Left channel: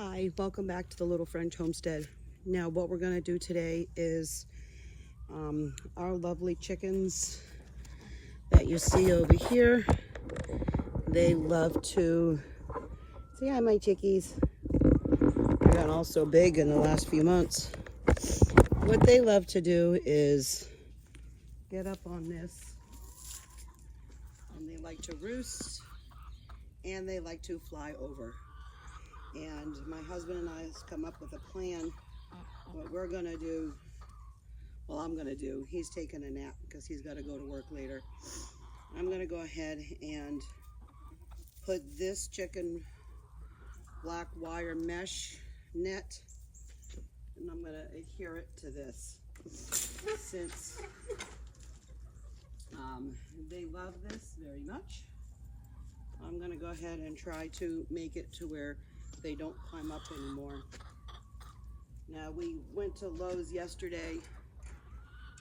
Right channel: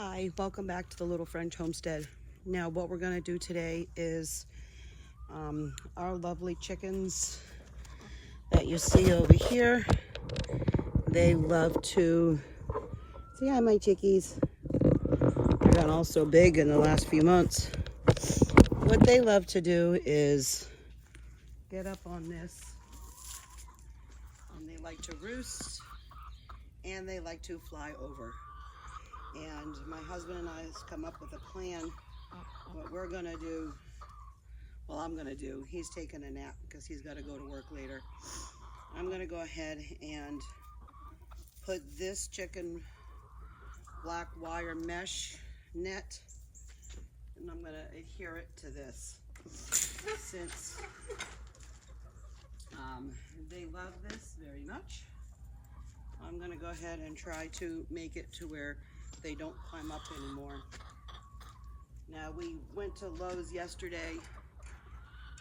Hi, welcome back to the Little French Homestead. Now what we're going to do today is our lovely chickens that you see over here. They love to, say hi my chickies. They've gotten all so big in the last few months. What they love to do is get up on this, and they like to roost, and they like to fly over. And my husband and I have come up with a plan. What we're gonna do, well, I'm gonna do, he's taking a nap because he's got to go to work later. I'm gonna go ahead and put this chicken black wire mesh net, and I'm gonna adhere it to this. Since they love this very much, I'm gonna go ahead and try to make it to where they don't climb up anymore. Now we went to Lowe's yesterday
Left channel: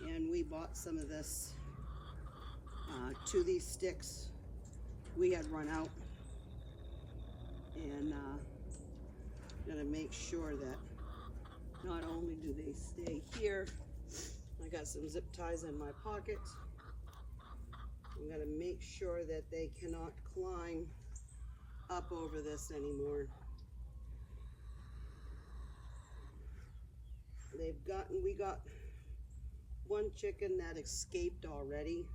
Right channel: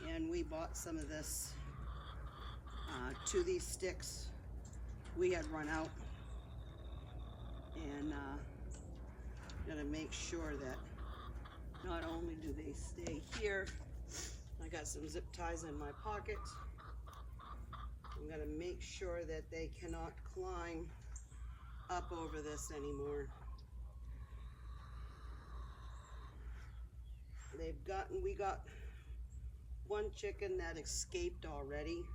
and we bought some of this to these sticks. We had run out, and gonna make sure that not only do they stay here, I got some zip ties in my pocket. I'm gonna make sure that they cannot climb up over this anymore. We got one chicken that escaped already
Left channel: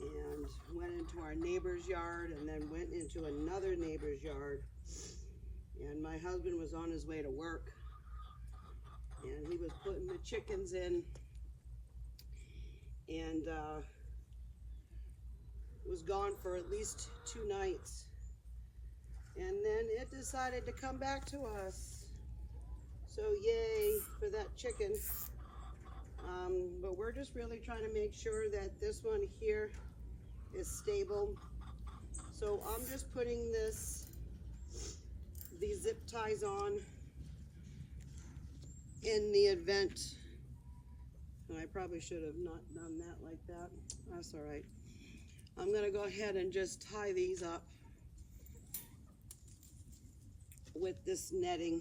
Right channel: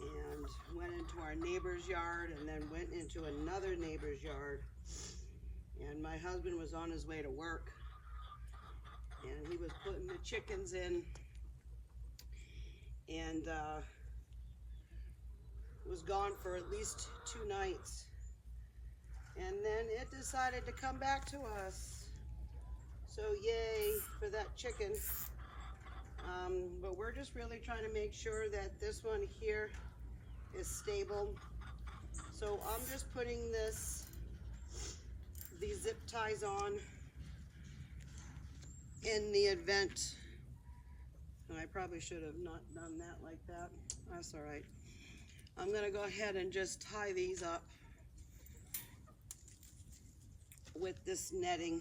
and went into our neighbor's yard and then went into another neighbor's yard. And my husband was on his way to work and he was putting the chickens in, and was gone for at least 2 nights. And then it decided to come back to us. So yay for that chicken. But we're just really trying to make sure that this one here is stable. So I'm just putting these zip ties on in the event, and I probably should have not done that like that. That's all right. I'm gonna go ahead and just tie these up with this netting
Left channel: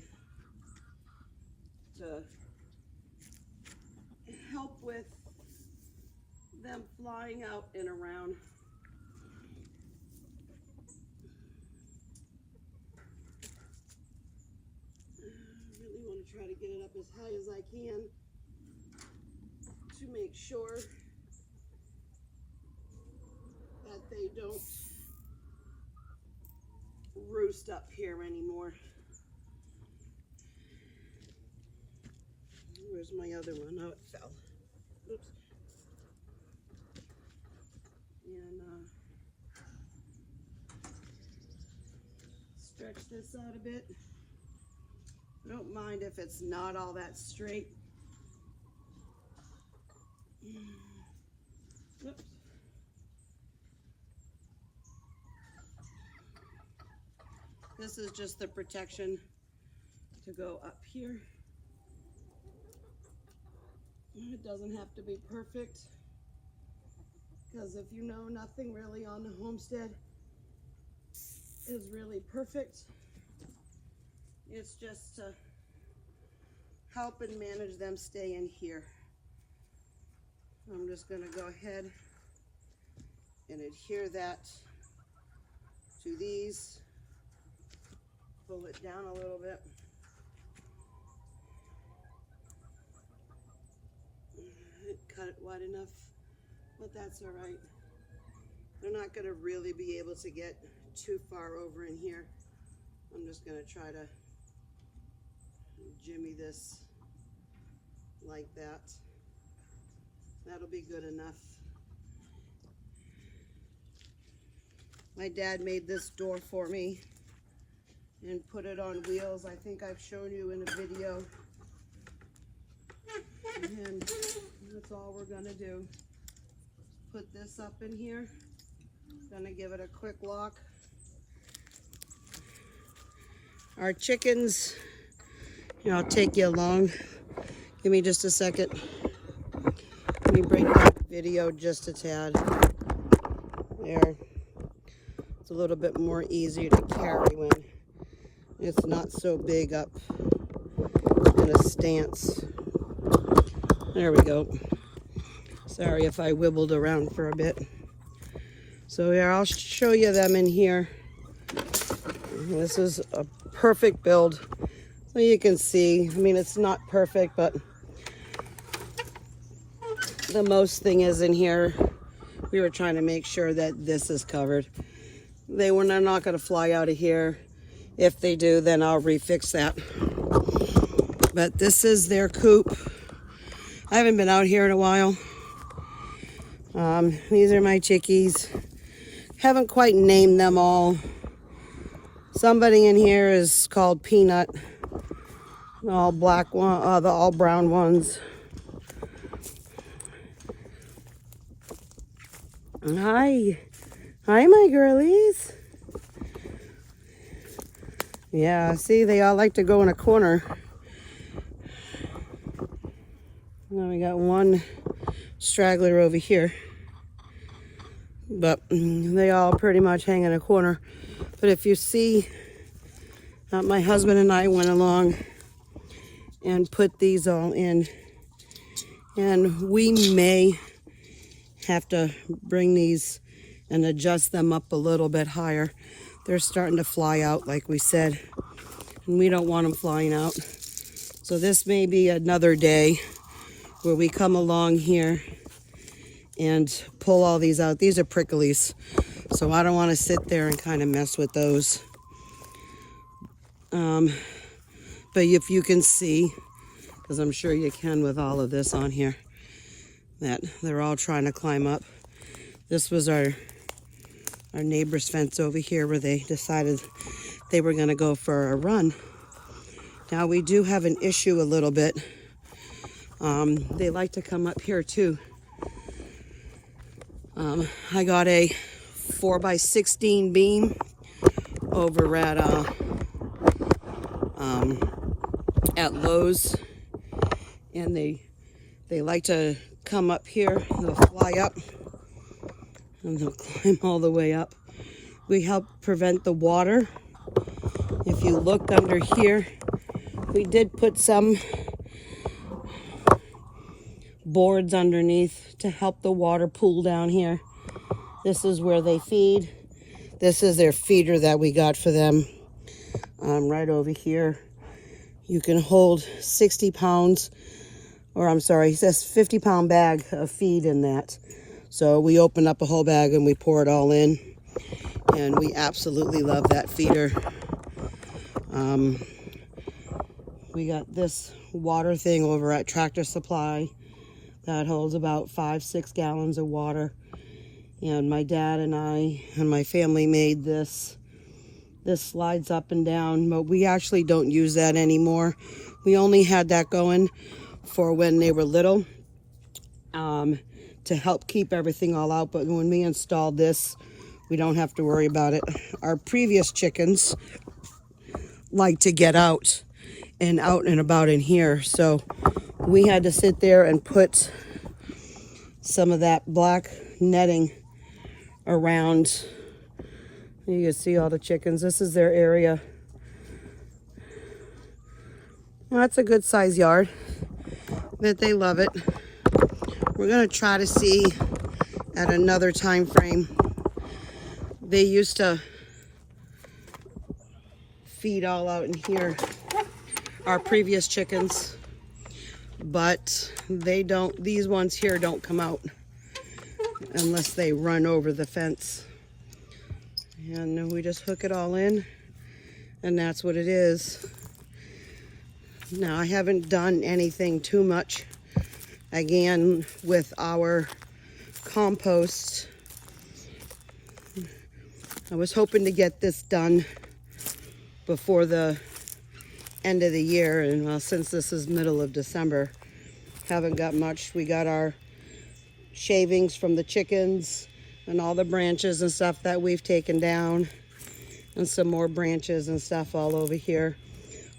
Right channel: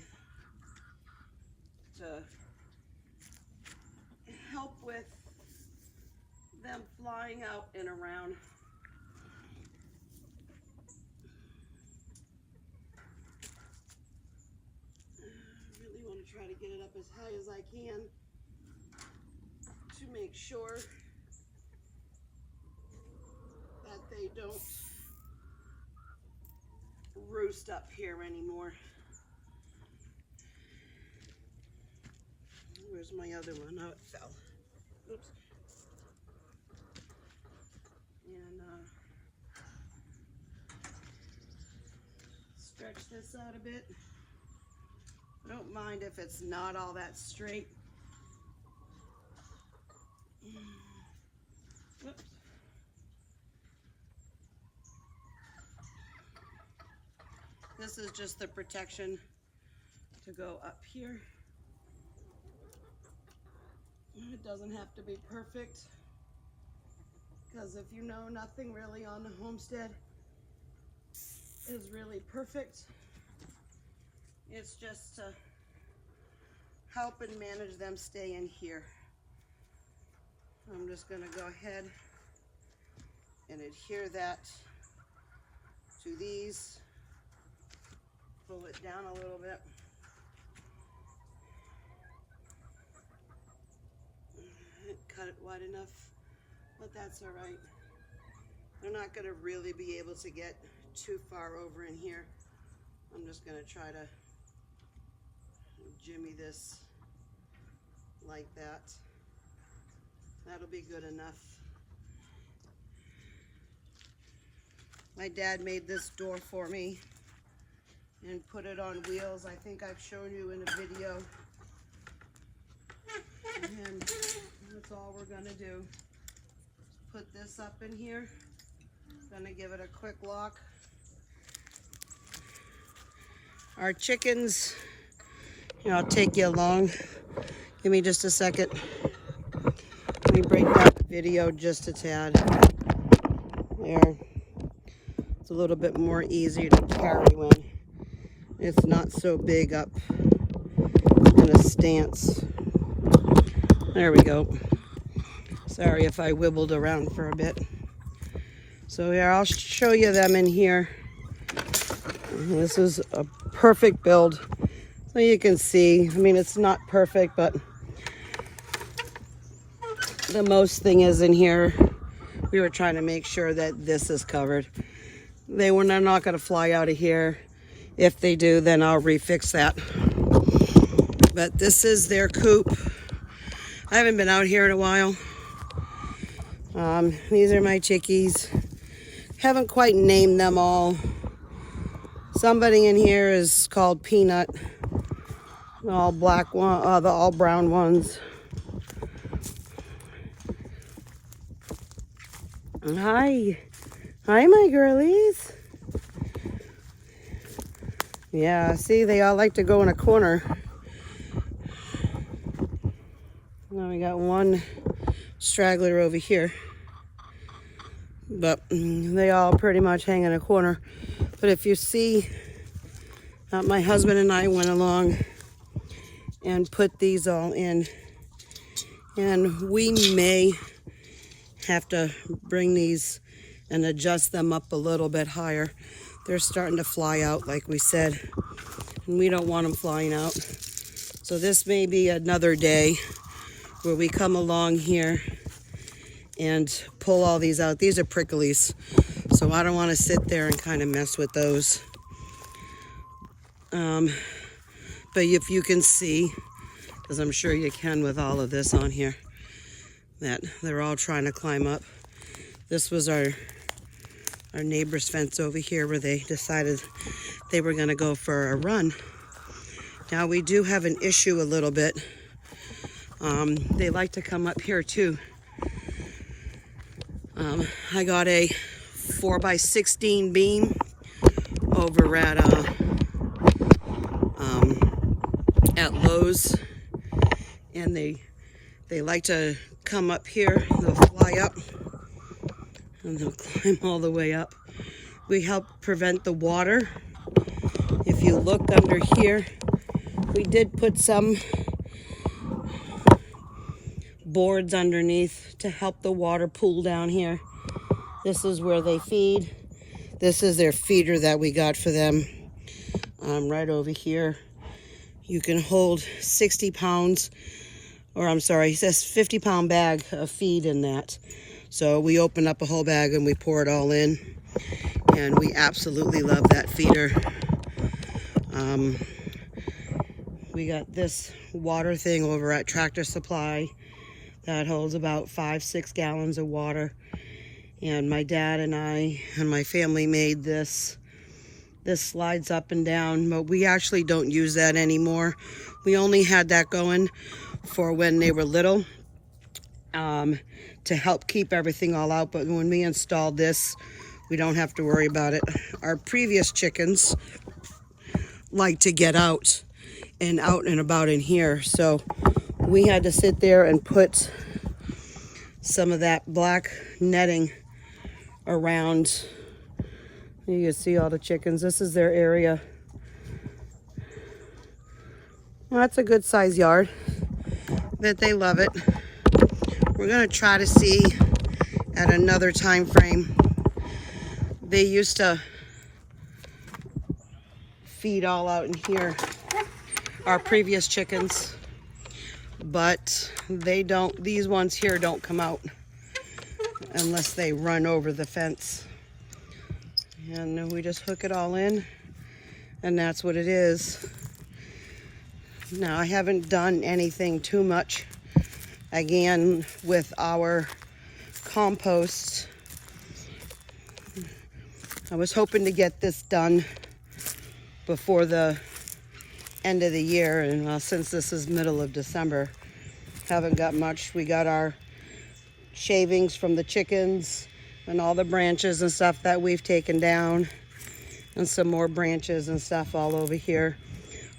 to help with them flying out and around. I really want to try to get it up as high as I can to make sure that they don't roost up here anymore. Where's my other one? Oh, it fell. Oops. And stretch this out a bit. I don't mind if it's not all that straight. Whoops. This is just the protection to go up here. It doesn't have to be perfect, because if you know, nothing really on the homestead is really perfect. It's just to help and manage them stay in here. I'm just going to go ahead and adhere that to these. Pull it down a little bit. Cut it wide enough, but that's all right. They're not going to really be able to get too far over in here. I'm just going to try to jimmy this like that. That'll be good enough. My dad made this door for me and put it on wheels. I think I've shown you in a video. And that's all we're gonna do. Put this up in here. Gonna give it a quick lock. Our chickens, here, I'll take you along. Give me just a second. Let me bring down the video just a tad. There. It's a little bit more easier to carry when it's not so big up in a stance. There we go. Sorry if I wibbled around for a bit. So here, I'll show you them in here. This is a perfect build. So you can see, I mean, it's not perfect, but the most thing is in here. We were trying to make sure that this is covered. They're not going to fly out of here. If they do, then I'll refix that. But this is their coop. I haven't been out here in a while. These are my chickies. Haven't quite named them all. Somebody in here is called Peanut. The all black one, the all brown ones. And hi my girlies. Yeah, see, they all like to go in a corner. Now we got one straggler over here, but they all pretty much hang in a corner. But if you see, my husband and I went along and put these all in, and we may have to bring these and adjust them up a little bit higher. They're starting to fly out, like we said, and we don't want them flying out. So this may be another day where we come along here and pull all these out. These are pricklies, so I don't want to sit there and kind of mess with those. But if you can see, because I'm sure you can with all of this on here, that they're all trying to climb up. This was our neighbor's fence over here where they decided they were going to go for a run. Now we do have an issue a little bit. They like to come up here too. I got a 4x16 beam over at Lowe's, and they like to come up here. They'll fly up and they'll climb all the way up. We help prevent the water. If you look under here, we did put some boards underneath to help the water pool down here. This is where they feed. This is their feeder that we got for them. Right over here. You can hold 60 pounds, or I'm sorry, it says 50-pound bag of feed in that. So we open up a whole bag and we pour it all in. And we absolutely love that feeder. We got this water thing over at Tractor Supply that holds about 5-6 gallons of water. And my dad and I and my family made this. This slides up and down, but we actually don't use that anymore. We only had that going for when they were little, to help keep everything all out. But when we installed this, we don't have to worry about it. Our previous chickens like to get out and about in here, so we had to sit there and put some of that black netting around. You can see all the chickens. This is their area. That's a good size yard, but they love it. We're gonna try to see at another time frame. They used to feed all out in here, our previous chickens, but they don't, these ones here don't come out unless they run over the fence. And then we just hook it all in, and that's what it is. Now, I haven't done anything too much, again, with our compost. I was hoping to get this done before the end of the year, and well, since this is middle of December, haven't got much. We got our shavings from the chickens and all the branches and stuff that we've taken down, and some more branches and stuff all over here.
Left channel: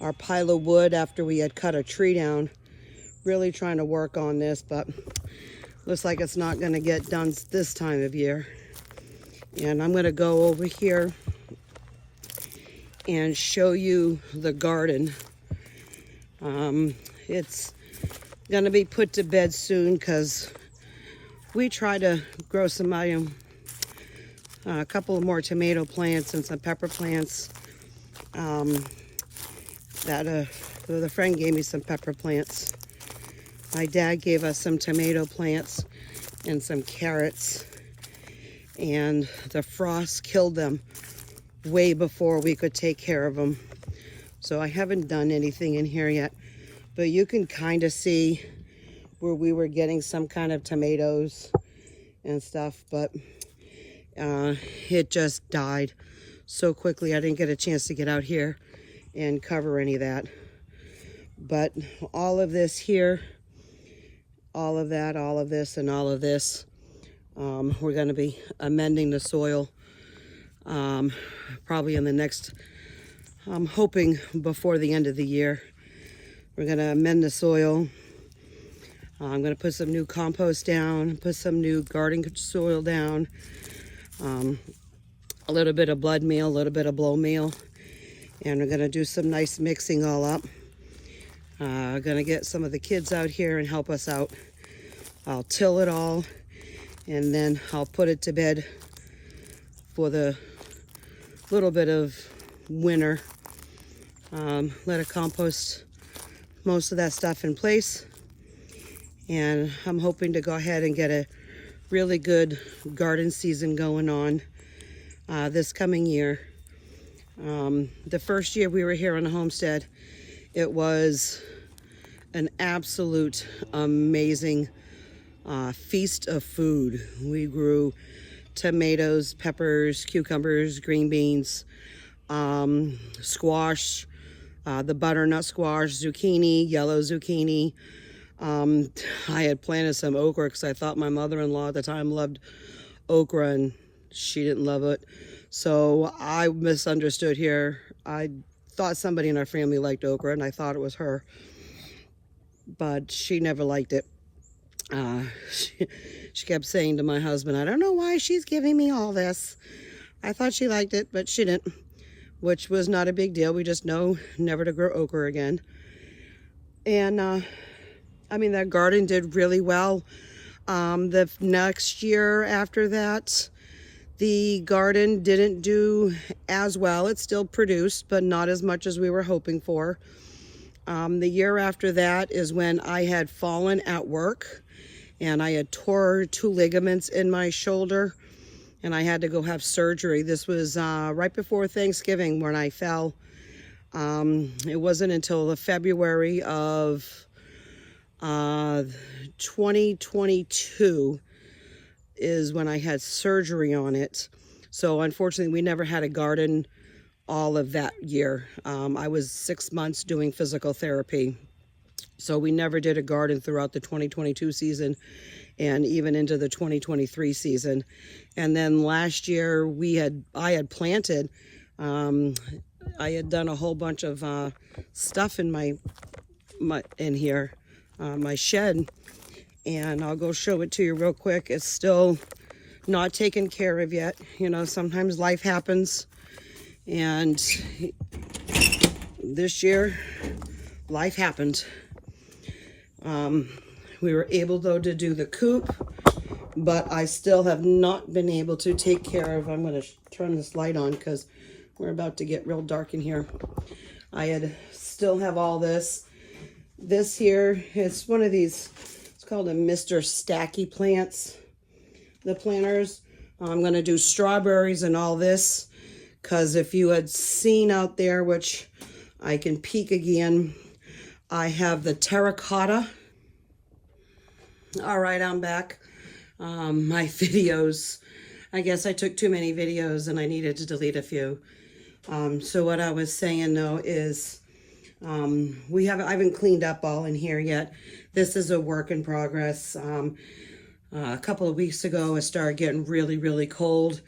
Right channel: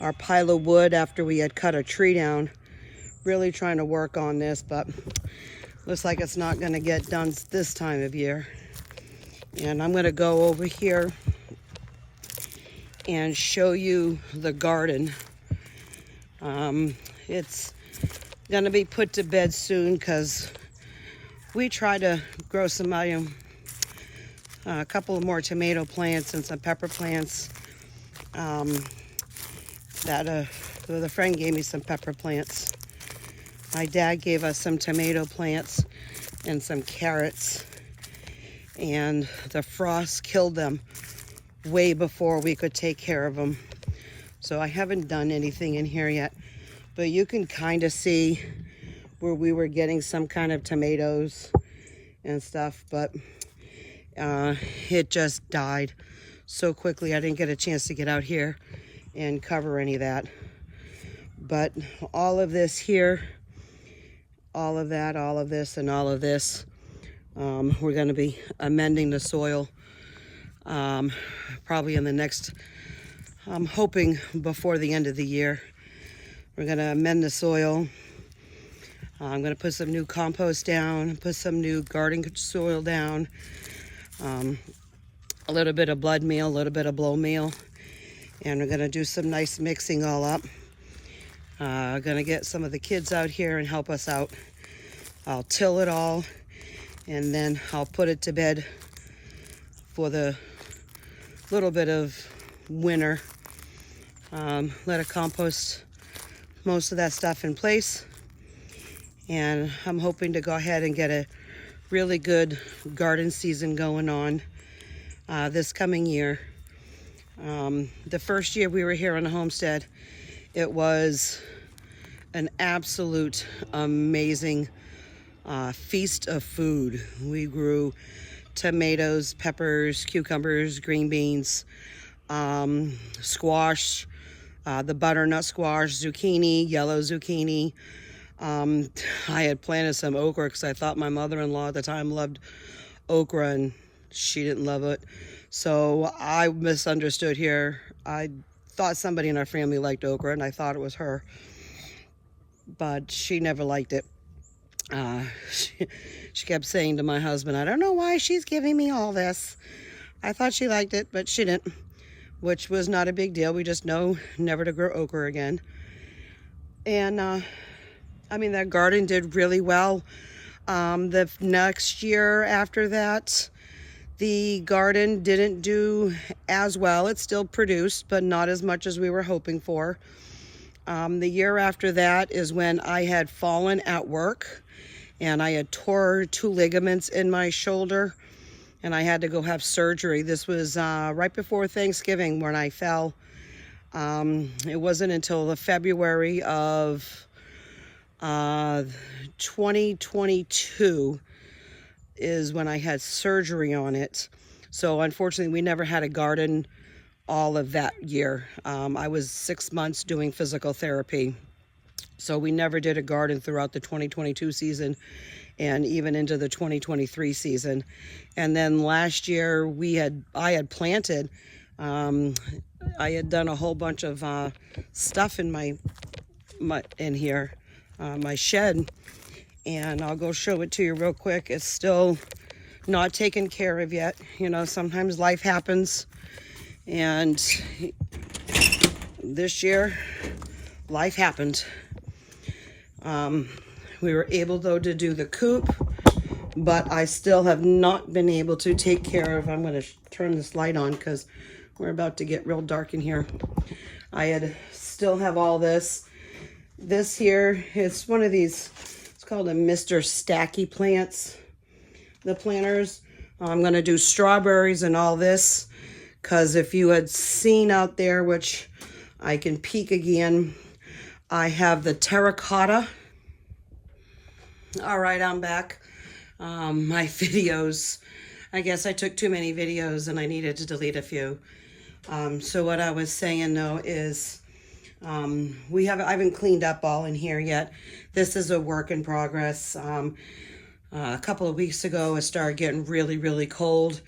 Our pile of wood after we had cut a tree down. Really trying to work on this, but looks like it's not gonna get done this time of year. And I'm gonna go over here and show you the garden. It's gonna be put to bed soon because we try to grow some a couple of more tomato plants and some pepper plants. The friend gave me some pepper plants. My dad gave us some tomato plants and some carrots, and the frost killed them way before we could take care of them. So I haven't done anything in here yet, but you can kind of see where we were getting some kind of tomatoes and stuff, but it just died so quickly. I didn't get a chance to get out here and cover any of that. But all of this here, all of that, all of this, and all of this, we're going to be amending the soil probably in the next, I'm hoping before the end of the year. We're going to amend the soil. I'm going to put some new compost down, put some new garden soil down, a little bit of blood meal, a little bit of blow meal, and we're going to do some nice mixing all up. Going to get some of the kids out here and help us out. I'll till it all, and then I'll put it to bed for the little bit of winter. Let it compost most of that stuff in place, and I'm hoping to go ahead and get a really good garden season going on this coming year. The first year we were here on the homestead, it was an absolute amazing feast of food. We grew tomatoes, peppers, cucumbers, green beans, squash, the butternut squash, zucchini, yellow zucchini. I had planted some okra because I thought my mother-in-law at the time loved okra, and she didn't love it. So I misunderstood here. I thought somebody in our family liked okra, and I thought it was her, but she never liked it. She kept saying to my husband, I don't know why she's giving me all this. I thought she liked it, but she didn't, which was not a big deal. We just know never to grow okra again. And I mean, that garden did really well. The next year after that, the garden didn't do as well. It still produced, but not as much as we were hoping for. The year after that is when I had fallen at work, and I had tore 2 ligaments in my shoulder, and I had to go have surgery. This was right before Thanksgiving when I fell. It wasn't until the February of 2022 is when I had surgery on it. So unfortunately, we never had a garden all of that year. I was 6 months doing physical therapy. So we never did a garden throughout the 2022 season and even into the 2023 season. And then last year I had planted, I had done a whole bunch of stuff in my shed, and I'll go show it to you real quick. It's still not taken care of yet. You know, sometimes life happens, and this year life happened. We were able though to do the coop, but I still have not been able to take care of, I'm going to turn this light on because we're about to get real dark in here. Still have all this. This here is one of these, it's called a Mr. Stacky plants. The planters. I'm going to do strawberries and all this, because if you had seen out there, which I can peek again, I have the terracotta. All right, I'm back. My videos, I guess I took too many videos and I needed to delete a few. So what I was saying though is, I haven't cleaned up all in here yet. This is a work in progress. A couple of weeks ago, it started getting really, really cold.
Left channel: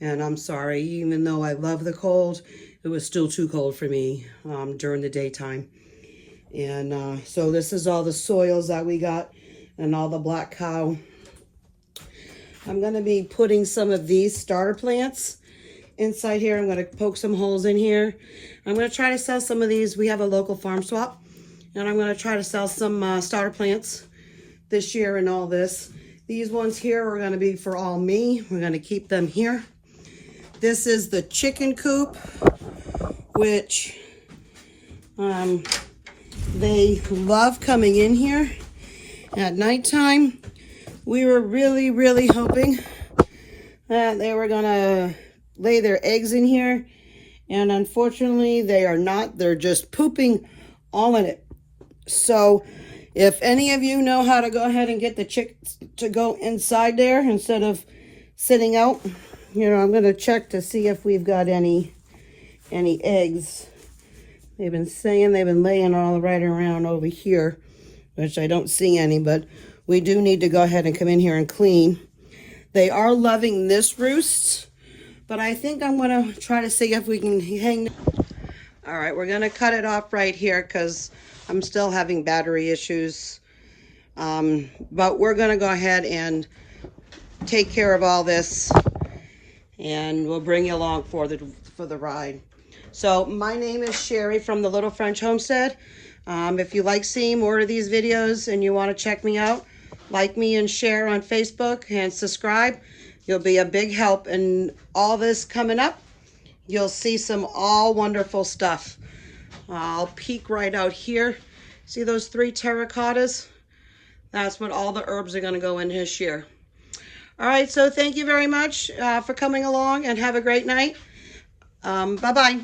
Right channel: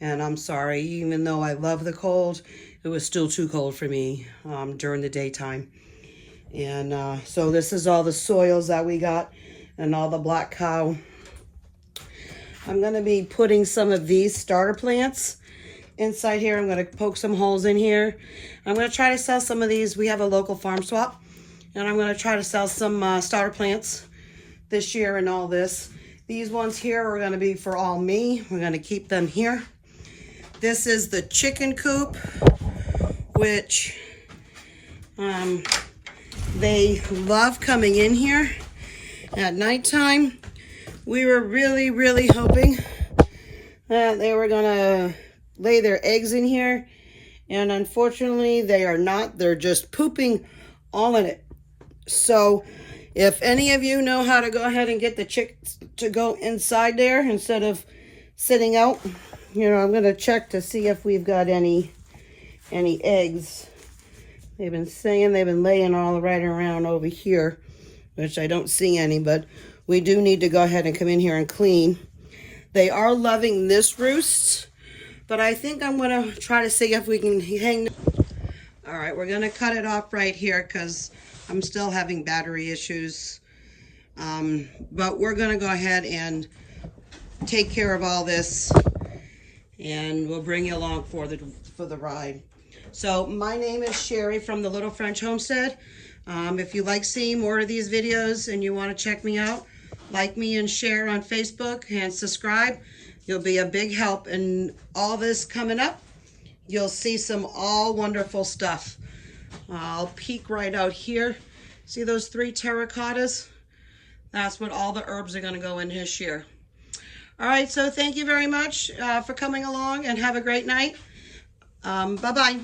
And I'm sorry, even though I love the cold, it was still too cold for me during the daytime. And so this is all the soils that we got and all the black cow. I'm going to be putting some of these starter plants inside here. I'm going to poke some holes in here. I'm going to try to sell some of these. We have a local farm swap, and I'm going to try to sell some starter plants this year and all this. These ones here are going to be for all me. We're going to keep them here. This is the chicken coop, which they love coming in here at nighttime. We were really, really hoping that they were going to lay their eggs in here. And unfortunately, they are not. They're just pooping all in it. So if any of you know how to go ahead and get the chicks to go inside there instead of sitting out, you know, I'm going to check to see if we've got any eggs. They've been saying they've been laying all right around over here, which I don't see any, but we do need to go ahead and come in here and clean. They are loving this roost, but I think I'm going to try to see if we can hang. All right, we're going to cut it off right here because I'm still having battery issues. But we're going to go ahead and take care of all this, and we'll bring you along for the ride. So my name is Sherry from the Little French Homestead. If you like seeing more of these videos and you want to check me out, like me and share on Facebook and subscribe. You'll be a big help in all this coming up. You'll see some all wonderful stuff. I'll peek right out here. See those 3 terracottas? That's what all the herbs are going to go in this year. All right, so thank you very much for coming along, and have a great night. Bye-bye.